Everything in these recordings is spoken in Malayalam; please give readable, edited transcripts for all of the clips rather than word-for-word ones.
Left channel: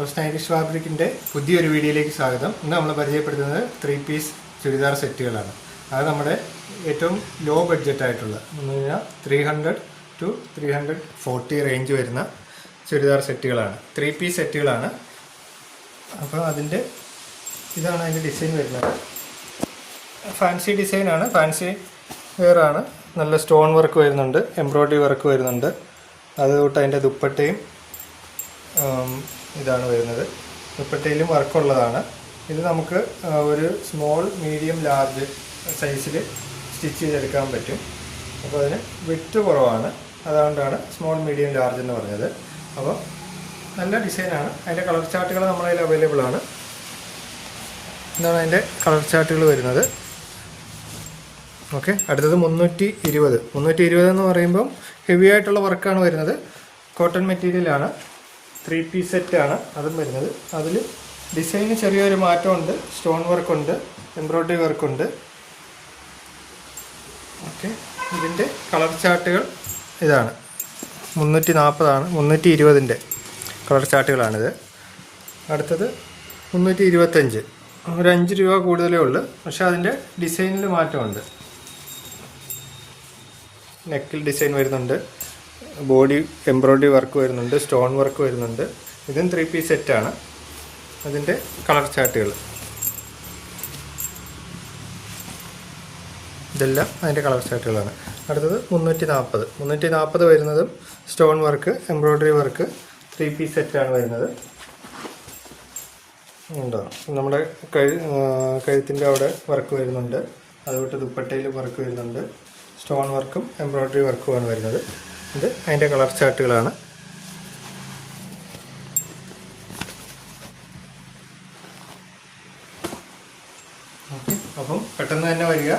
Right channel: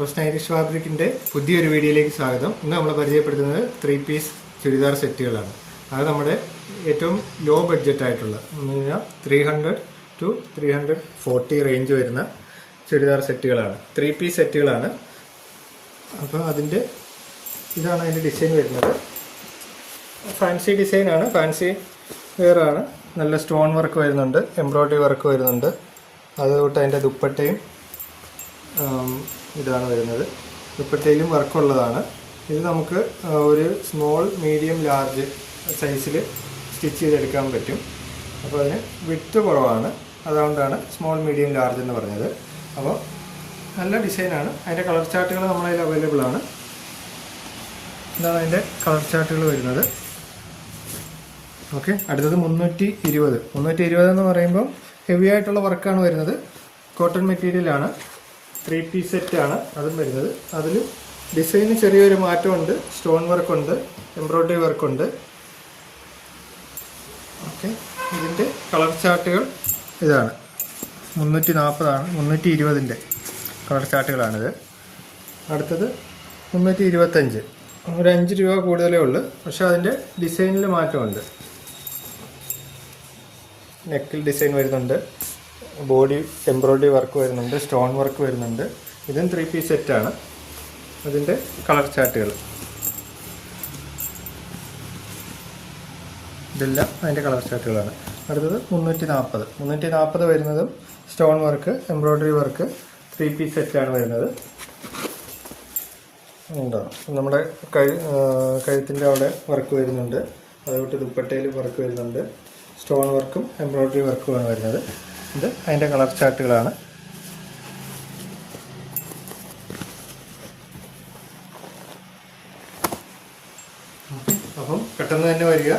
സ്റ്റൈലിഷ് ഫാബ്രിക്കിൻ്റെ പുതിയൊരു വീഡിയോയിലേക്ക് സ്വാഗതം. ഇന്ന് നമ്മൾ പരിചയപ്പെടുത്തുന്നത് 3 പീസ് ചുരിദാർ സെറ്റുകളാണ്. അത് നമ്മുടെ ഏറ്റവും ലോ ബഡ്ജറ്റായിട്ടുള്ള എന്ന് പറഞ്ഞാൽ 300 to 340 റേഞ്ച് വരുന്ന ചുരിദാർ സെറ്റുകളാണ്. 3 പീസ് സെറ്റുകളാണ്. അപ്പോൾ ഇതാണ് അതിൻ്റെ ഡിസൈൻ വരുന്നത്. ഫാൻസി ഡിസൈനാണ്, ഫാൻസി വെയറാണ്. നല്ല സ്റ്റോൺ വർക്ക് വരുന്നുണ്ട്, എംബ്രോയ്ഡറി വർക്ക് വരുന്നുണ്ട്. അതുകൊണ്ട് അതിൻ്റെ ദുപ്പട്ടയും ഇതാണ് വരുന്നത്. ദുപ്പട്ടയിലും വർക്കുള്ളതാണ്. ഇത് നമുക്ക് ഒരു സ്മോൾ, മീഡിയം, ലാർജ് സൈസിൽ സ്റ്റിച്ച് ചെയ്തെടുക്കാൻ പറ്റും. അപ്പോൾ അതിന് വിഡ്ത്ത് കുറവാണ്, അതുകൊണ്ടാണ് സ്മോൾ, മീഡിയം, ലാർജ് എന്ന് പറഞ്ഞത്. അപ്പോൾ നല്ല ഡിസൈനാണ്. അതിൻ്റെ കളർ ചാർട്ടുകൾ നമ്മളതിൽ അവൈലബിൾ ആണ്. ഇതാണ് അതിൻ്റെ കളർ ചാർട്ടുകൾ വരുന്നത്. ഓക്കെ, അടുത്തത് 320 എന്ന് പറയുമ്പോൾ ഹെവി ആയിട്ടുള്ള വർക്കാണ് വരുന്നത്. കോട്ടൺ മെറ്റീരിയലാണ്. 3 പീസ് സെറ്റാണ് അതും വരുന്നത്. അതിൽ ഡിസൈന് ചെറിയൊരു മാറ്റമുണ്ട്. സ്റ്റോൺ വർക്കുണ്ട്, എംബ്രോയ്ഡറി വർക്കുണ്ട്. ഓക്കെ, ഇതിൻ്റെ കളർ ചാർട്ടുകൾ ഇതാണ്. 340 320ൻ്റെ കളർ ചാർട്ടുകളാണിത്. അടുത്തത് 325, ഒരു 5 രൂപ കൂടുതലേ ഉള്ളൂ. പക്ഷേ അതിൻ്റെ ഡിസൈനിൽ മാറ്റമുണ്ട്. നെക്കിൽ ഡിസൈൻ വരുന്നുണ്ട്, ബോഡി എംബ്രോയ്ഡറി വർക്ക് വരുന്നുണ്ട്, സ്റ്റോൺ വർക്ക് വരുന്നുണ്ട്. ഇതും 3 പീസ് സെറ്റാണ്. അതിൻ്റെ കളർ ചാർട്ടുകൾ ഇതെല്ലാം അതിൻ്റെ കളർ ചാർട്ടുകളാണ്. അടുത്തത് 340 വരുന്നതും stone work, embroidery work, 3 piece സെറ്റാണ് വരുന്നത്. ഉണ്ടോ, നമ്മുടെ കഴുത്തിൻ്റെ അവിടെ വർക്ക് വരുന്നുണ്ട്. അതുകൊണ്ട് ദുപ്പട്ടയിൽ വർക്ക് വരുന്നുണ്ട്. സ്റ്റോൺ വർക്കും എംബ്രോയ്ഡറി വർക്കുമാണ് വരുന്നത്. ഇത് അതിൻ്റെ കളർ ചാർട്ടുകളാണ്. ഓക്കെ, അപ്പം പെട്ടെന്ന് തന്നെ വരിക.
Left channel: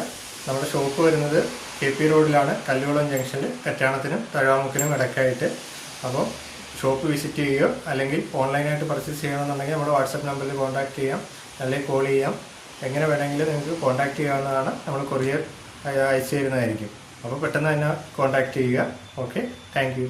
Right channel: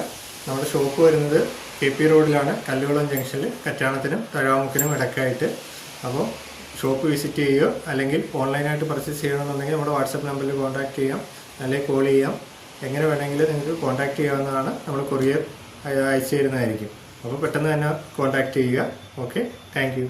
നമ്മുടെ ഷോപ്പ് വരുന്നത് KP റോഡിലാണ്, കല്ലുകുളം ജംഗ്ഷനിൽ, കറ്റാണത്തിനും തഴാമുക്കിനും ഇടയ്ക്കായിട്ട്. അപ്പം ഷോപ്പ് വിസിറ്റ് ചെയ്യുകയോ അല്ലെങ്കിൽ ഓൺലൈനായിട്ട് പർച്ചേസ് ചെയ്യണമെന്നുണ്ടെങ്കിൽ നമ്മുടെ വാട്സപ്പ് നമ്പറിൽ കോൺടാക്റ്റ് ചെയ്യാം, അല്ലെങ്കിൽ കോൾ ചെയ്യാം. എങ്ങനെ വേണമെങ്കിലും നിങ്ങൾക്ക് കോൺടാക്റ്റ് ചെയ്യാവുന്നതാണ്. നമ്മൾ കൊറിയർ അയച്ചു തരുന്നതായിരിക്കും. അപ്പോൾ പെട്ടെന്ന് തന്നെ കോൺടാക്റ്റ് ചെയ്യുക. Okay, thank you.